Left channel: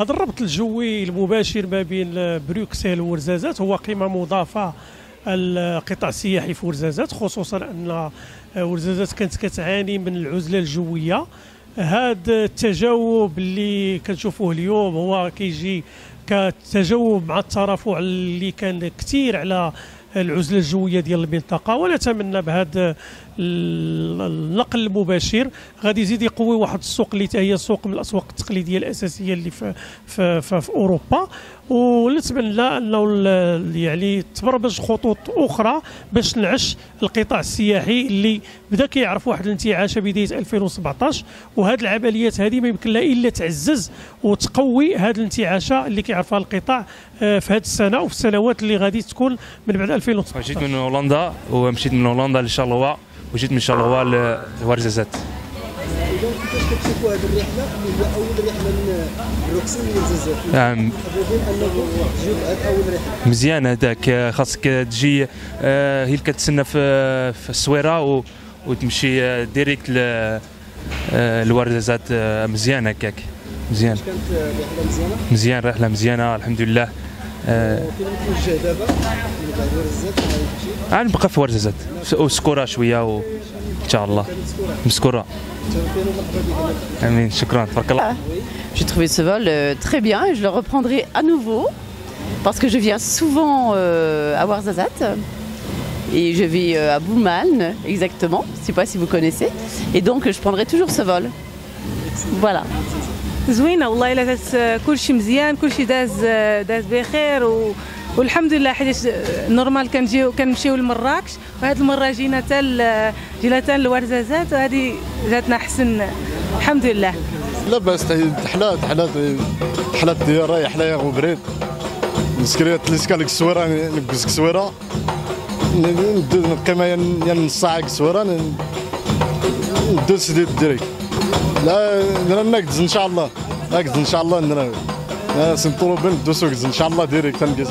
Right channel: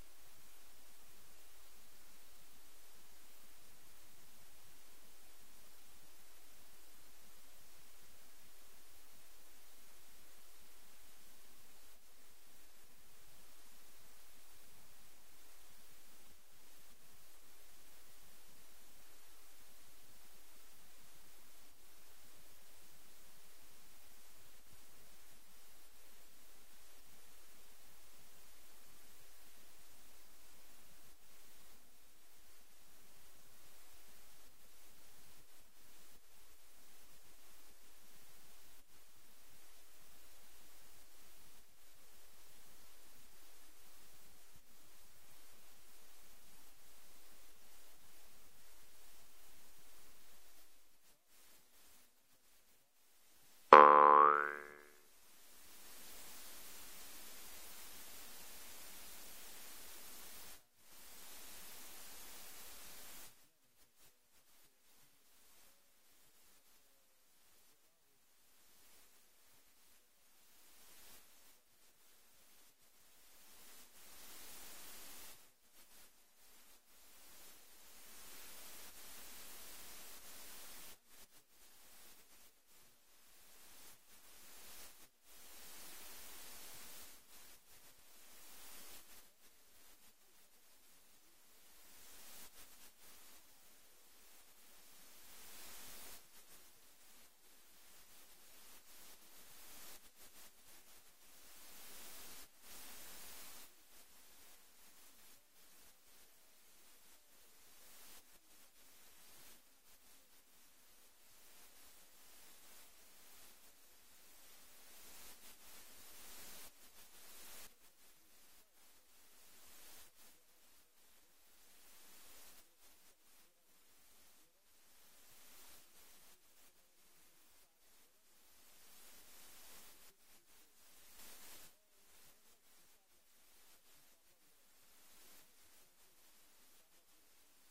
هذا الربط الجوي المباشر ما بين بروكسل وورزازات هو قيمة مضافة القطاع السياحي في ورزازات، خصوصا أن ورزازات كانت كتعاني من العزلة الجوية. هذا التجاوب اللي كنشوفوه اليوم هو كيجي كتجاوب مع الترافع اللي كان كثير على العزله الجويه ديال المنطقه، ونتمنى بهذا النقل المباشر غادي يزيد يقوي واحد السوق اللي هي سوق من الاسواق التقليديه الاساسيه اللي في اوروبا. ونتمنى انه يعني تبرمج خطوط اخرى باش تنعش القطاع السياحي اللي بدا كيعرف واحد الانتعاش بدايه 2017، وهذه العمليات هذه ما يمكن لها الا تعزز وتقوي هذه الانتعاشه اللي كيعرفها القطاع في هذه السنه وفي السنوات اللي غادي تكون من بعد 2019. جيت من هولندا ومشيت من هولندا لشارلوا وجيت من شارلوا لورزازات. اذا كيفاش كتشوفوا هذه الرحله اللي هي اول رحله من بروكسل لورزازات؟ حابين انكم تجيو بهذه اول رحله. مزيان هذاك، خاصك تجي هي اللي كتسنى في السويره وتمشي ديريكت لورزازات. مزيان هكاك، مزيان. كانت رحله مزيانه؟ مزيان، رحله مزيانه الحمد لله. فين توجه دابا من بعد ورزازات؟ غنبقى في ورزازات وسكوره شويه ان شاء الله. مسكوره. Amin, shukran, tabarakallah. J'ai trouvé ce vol très bien et je le reprendrai à nouveau parce que je viens souvent à Ouarzazate et je vais à Boumaln exactement, je ne sais pas si vous connaissez, et donc je prendrai toujours ce vol. Voilà. زوينه والله، الا كل شيء مزيان، كل شيء داز بخير والحمد لله. حيت نورمال كنمشيو لمراكش، وهذه المره جينا حتى لورزازات، وهذه جاتنا حسن الحمد لله. لاباس حلات ديال رايح حلايا وبريد نسكريات لسكالك السويره نقص السويره نقيمه يا نص ساعه السويره ندوز ديريكت. لا نقدز ان شاء الله، نقدز ان شاء الله. سنطلب ندوسو ان شاء الله ديريكت نقز.